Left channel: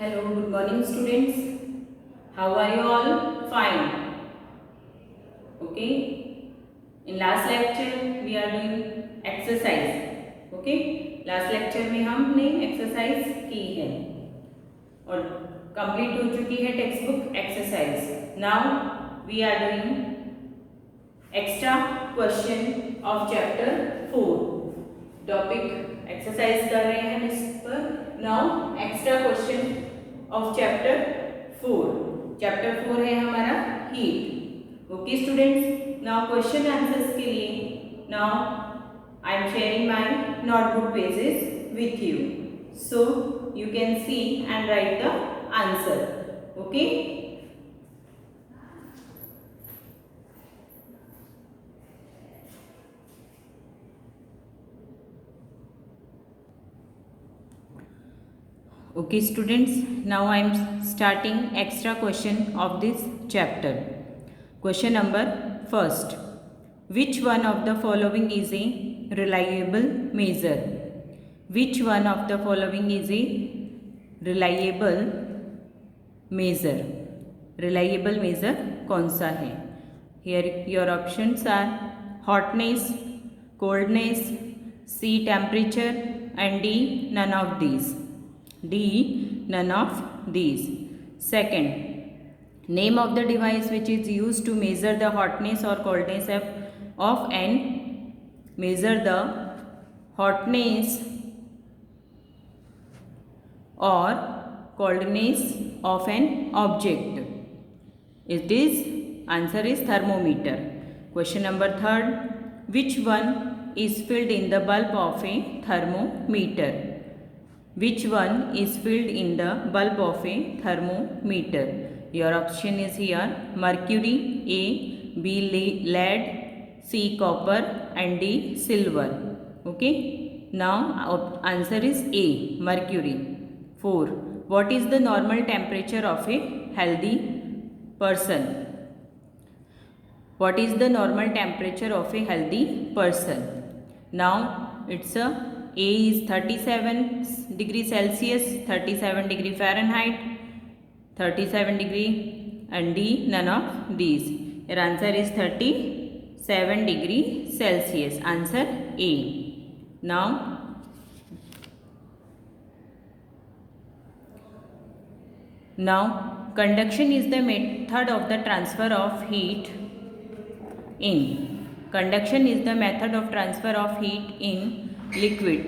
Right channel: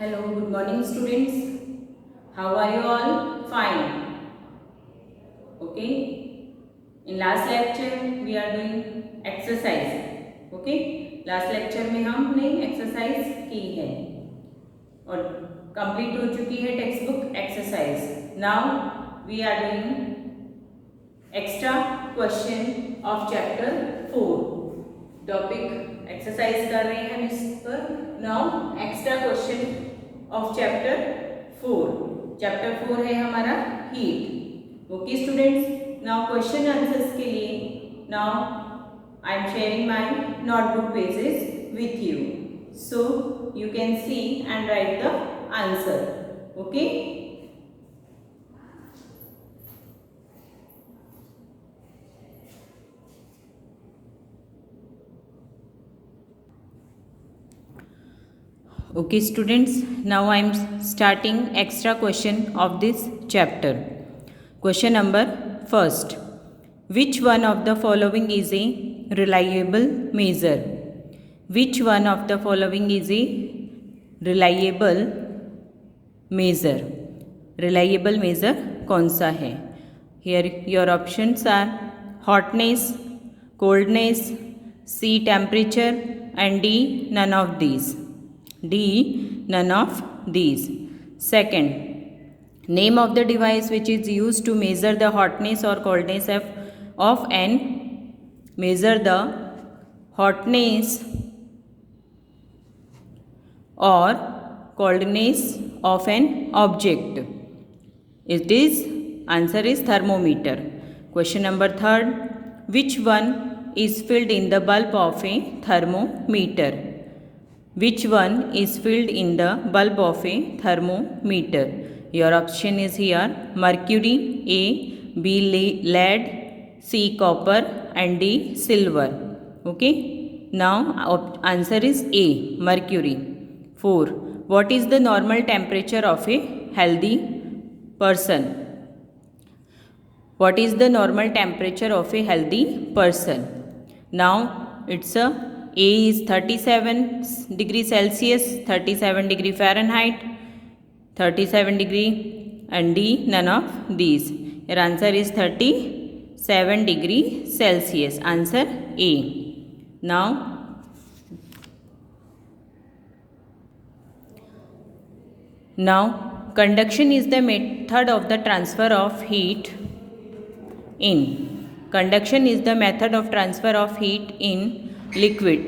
Hello, good morning students. How are you all? Fine. Okay. In last lecture we are doing exercise. Okay. Last lecture में हमने exercise की है और complete हो चुकी है text book exercise. Now we are doing extra question of chapter 4. Topic exercise कर रहे हैं इस पर. Now extra question of chapter 4. Chapter 4 है हमारा heat. Okay students, now question answers के लिए now I am sharing my notebook pages with you, so you can see and right the answer. Okay. Okay students, now I am starting extra question of this chapter. Question number first. Which one of the following is a reliable measure? Which one of the following is a reliable measure? Reliable measure कौन सा है? Here your options are hotness, coldness, C temperature and D none of these. D none of these. Second, name of the device which is used to measure the hotness or coldness of an measure the hotness or coldness of an object. It is answer is thermometer. Question number third, which one is filled in the bulb of a thermometer? Which one is filled in the bulb of a thermometer? Your option is here mercury, A, B lead, C copper and D silver. Okay. Now answer is A, mercury. 4. What is the normal temperature of a healthy person? What is the normal temperature of a healthy person? Now it's A is 37 degree Celsius, 37 degree Fahrenheit, 37 degree and D none of these. Your answer is 37 degree Celsius. Answer A. Now conduction is the method of the transfer of heat in. Conduction is the method of transfer of heat in liquid.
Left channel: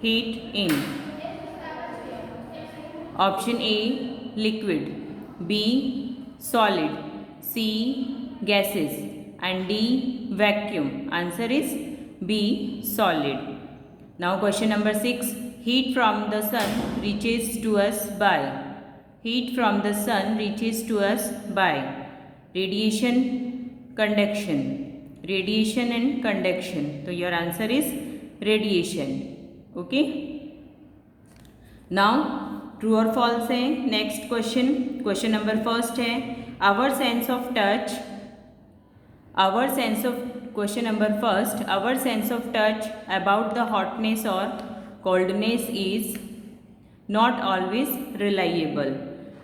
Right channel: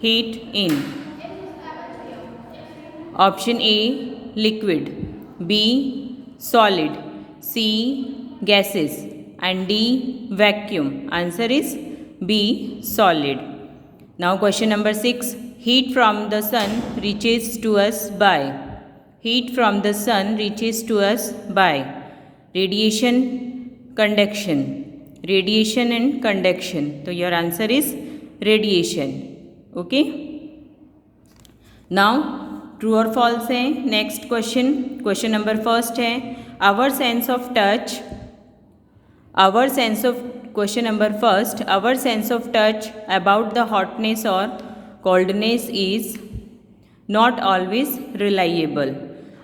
Heat in. Option A liquid, B solid, C gases and D vacuum. Answer is B solid. Now question number 6. Heat from the sun reaches to us by. Heat from the sun reaches to us by radiation, conduction. Radiation and conduction. So your answer is radiation. Okay. Now true or false है. Next question number first है our sense of touch. Our sense of question number first. Our sense of touch about the hotness और coldness is not always reliable.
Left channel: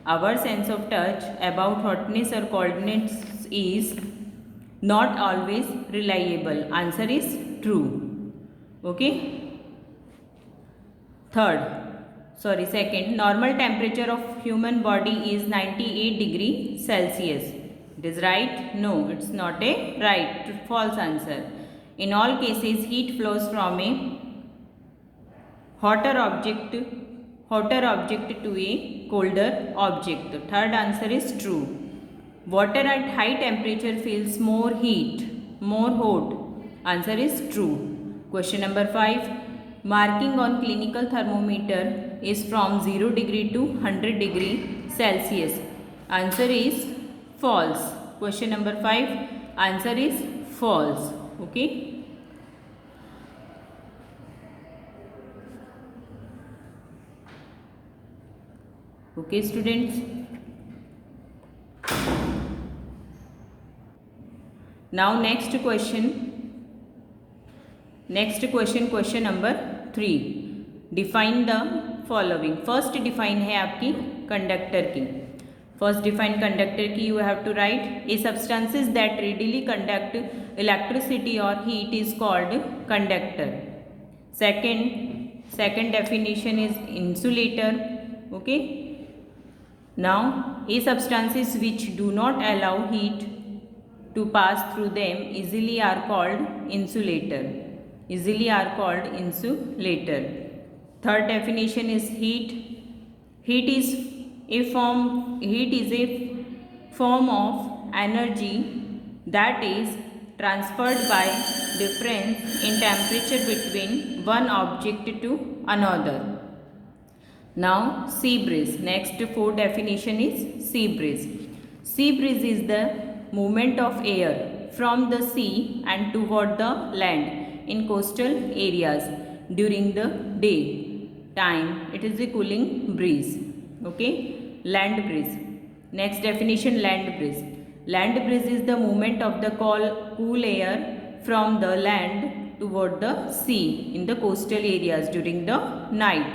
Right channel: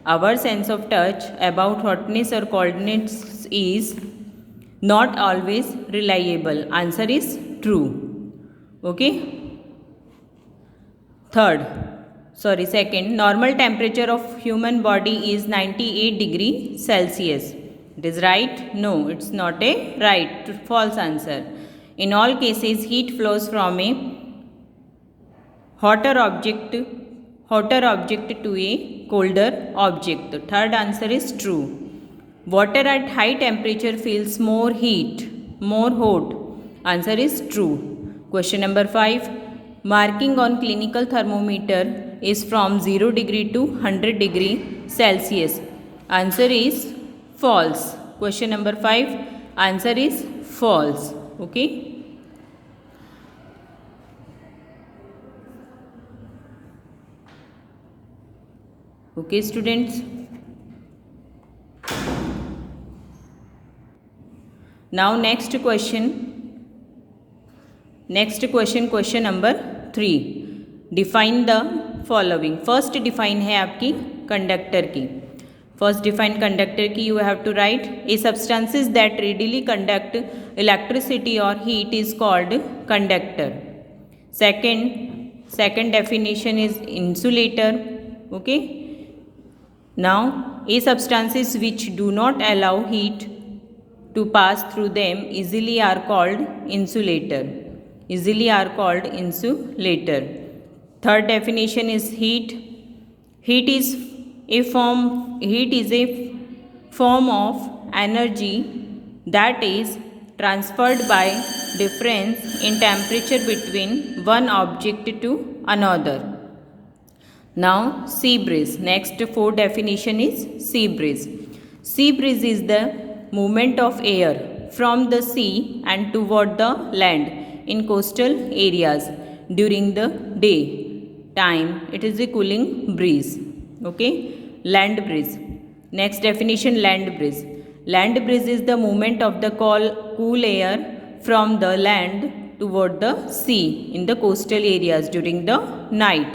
Our sense of touch about hotness और coldness is not always reliable. Answer is true. Okay. Second, normal temperature of human body is 98 degree Celsius. It is right? No, it's not a right. False answer. In all cases, heat flows from a hotter object to a colder object. The third answer is true. Water at high temperature feels more hot. Answer is true. Question number 5. Marking on clinical thermometer is from 0 degree to 100 degree Celsius. Answer is false. Question number 5. Answer is false. Okay. Okay students. Now next question number 3. Define the following. First define है आपकी conductor key. First define conductor key, you have to write a substances that readily conduct electricity or heat is called conductor. Second definition is insulator. Okay. Now a substances which do not allow heat to pass through them easily are called insulator. Third definition is heat. Heat is a form of energy that is transferred by difference in temperature between one object to another. Now sea breeze. Next fourth definition is sea breeze. Sea breeze is the movement of air from the sea and toward the land in coastal areas during the day time. It is a cooling breeze. Okay. Land breeze. Next definition, land breeze. Land breeze is the movement of the cool air from the land toward the sea in the coastal areas during the night.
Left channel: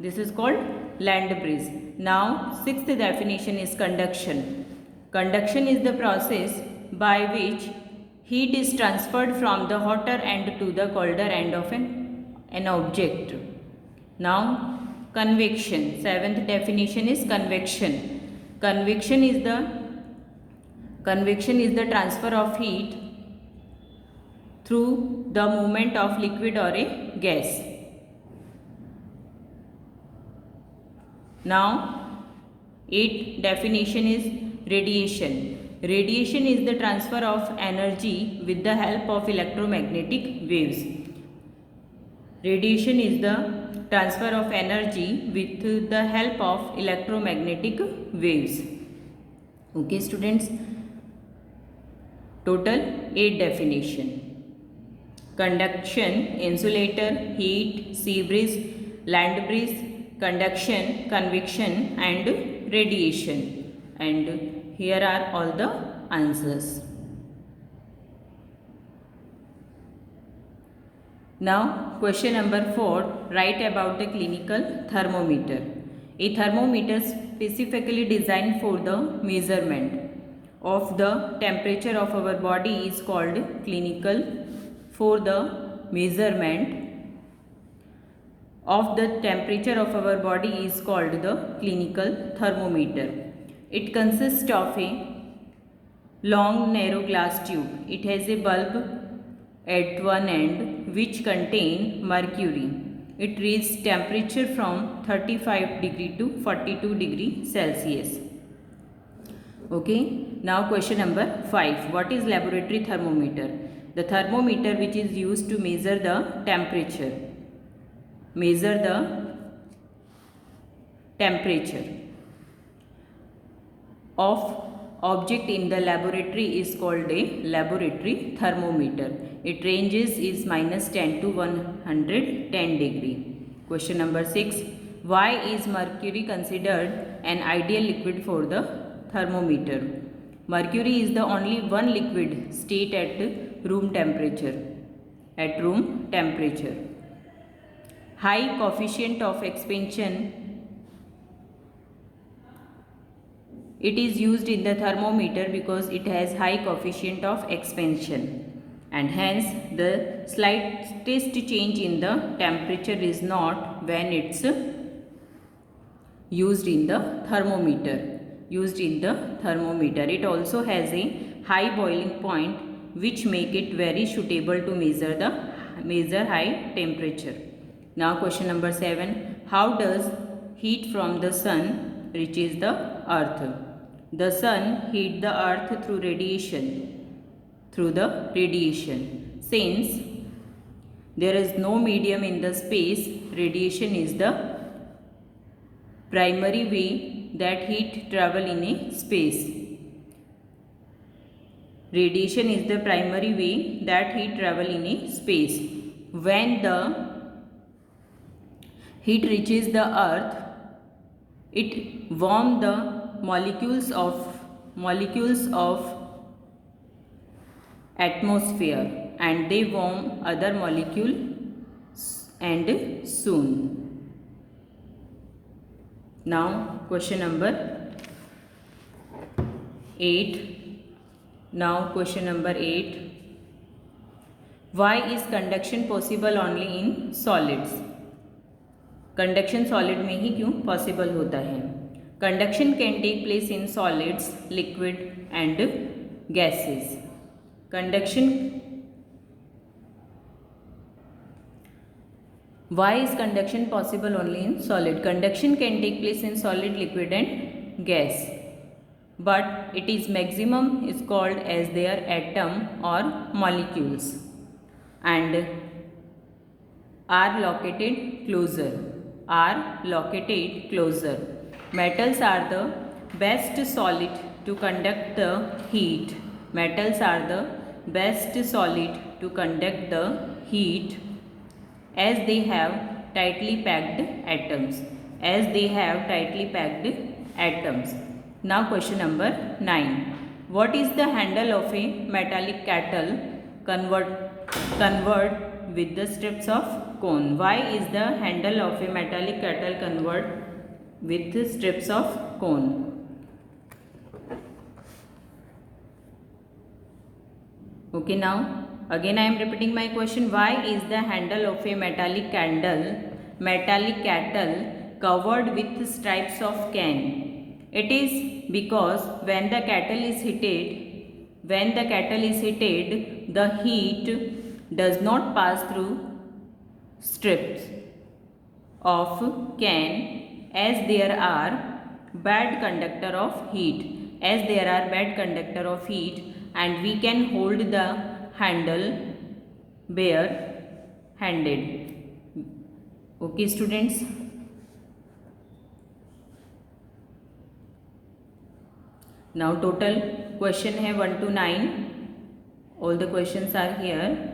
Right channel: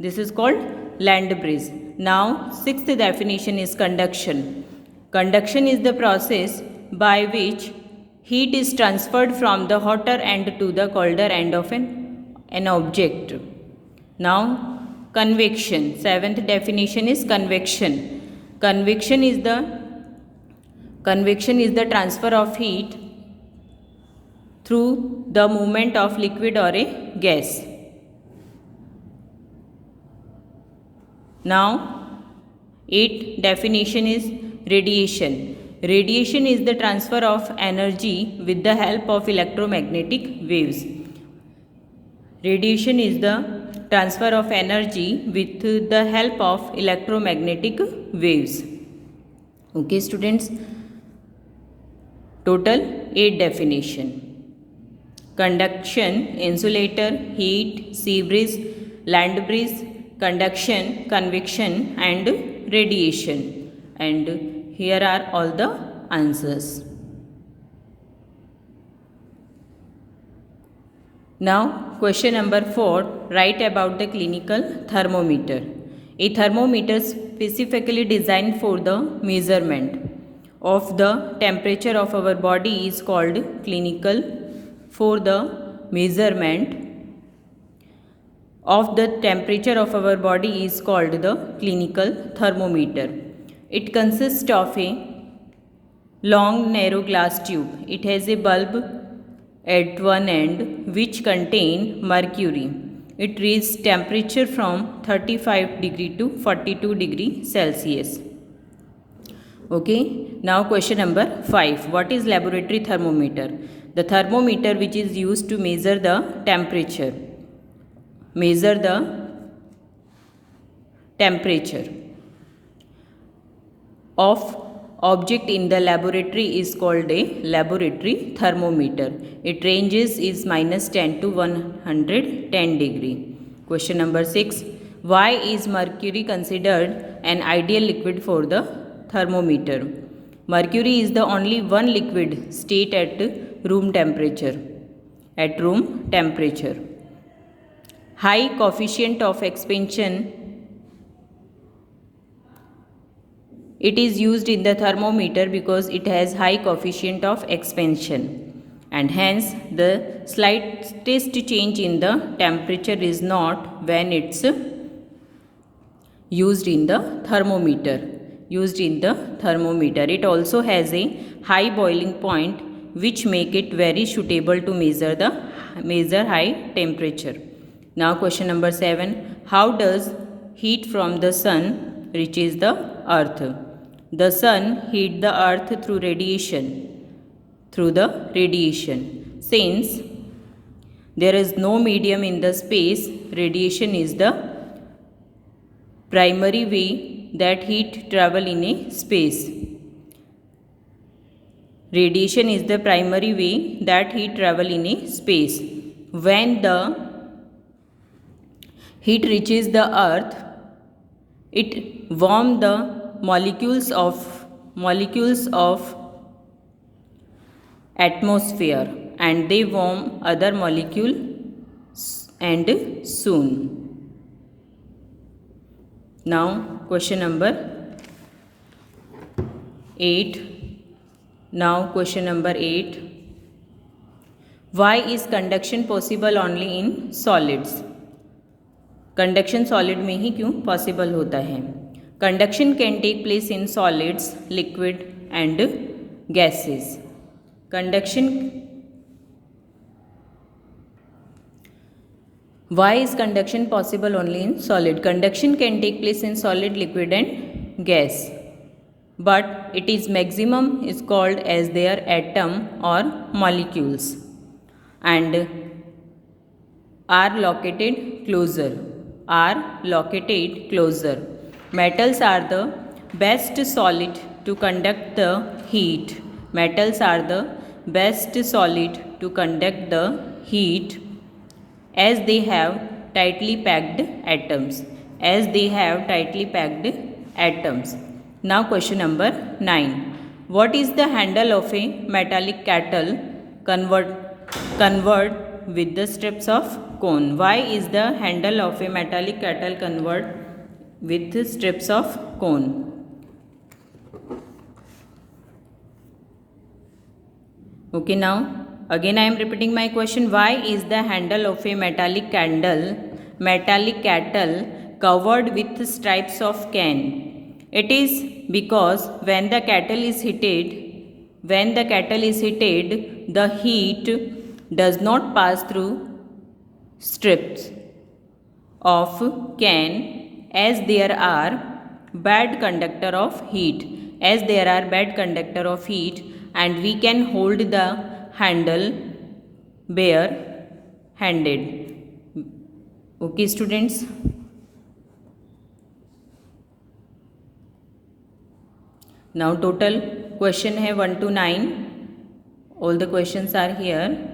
This is called land breeze. Now sixth definition is conduction. Conduction is the process by which heat is transferred from the hotter end to the colder end of an object. Now convection. Seventh definition is convection. Convection is the transfer of heat through the movement of liquid or a gas. Now eighth definition is radiation. Radiation is the transfer of energy with the help of electromagnetic waves. Radiation is the transfer of energy with the help of electromagnetic waves. Okay students, total 8 definition: conduction, insulator, heat, sea breeze, land breeze, conduction, convection and radiation. And here are all the answers. Now question number 4, write about the clinical thermometer. A thermometer specifically designed for the measurement of the temperature of our body is called clinical. For the measurement of the temperature of our body is called the clinical thermometer. It consists of a long narrow glass tube. It has a bulb at one end which contain mercury. It reads temperature from 35 degree to 42 degree Celsius. Okay, now question number 5. What is laboratory thermometer? The thermometer which is used to measure the temperature. Of object in the laboratory is called a laboratory thermometer. Its ranges is -10 to 110 degree. Question number 6. Why is mercury considered an ideal liquid for the thermometer? Mercury is the only one liquid state at room temperature. High coefficient of expansion. It is used in the thermometer because it has high coefficient of expansion, and hence the slightest change in the temperature is not when it's used in the thermometer. It also has a high boiling point which make it very suitable to measure high temperature. Now question number 7. How does heat from the sun reaches the earth? The sun heats the earth through the radiation. Since there is no medium in the space, radiation is the primary way that heat travel in a space. Radiation is the primary way that heat travel in a space. When the heat reaches the earth, it warms the molecules of atmosphere, and they warm other molecules and soon. Now question number 8. Now question number 8. Why is conduction possible only in solids? Conduction solid में ही क्यों possible होता है? Conduction can take place in solids, liquid and gases. Conduction. Why is conduction possible only in solid? Conduction can take place in solid, liquid and gas, but it is maximum is called as their atom or molecules and are located closer. Metals are the best solid to conduct the heat. Metals are the best solid to conduct the heat as they have tightly packed atoms. Now question number 9. What is the handle of a metallic kettle convert with the strips of cone? Why is the handle of a metallic kettle convert with the strips of cone? Okay, now again I am repeating my question. Why is the handle of a metallic kettle covered with stripes of cane? It is because when the kettle is heated, the heat does not pass through strips of cane as there are bad conductor of heat, and we can hold the handle bare handed. Okay students. Now total question है 1 to 9. All the questions are here.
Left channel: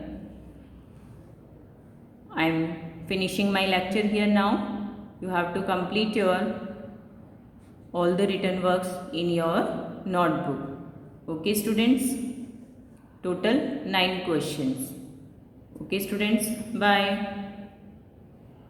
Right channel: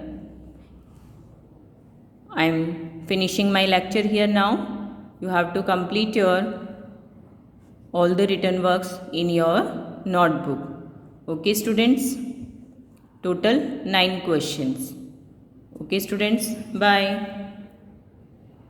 I am finishing my lecture here now. You have to complete your all the written works in your notebook. Okay students. Total 9 questions. Okay students, bye.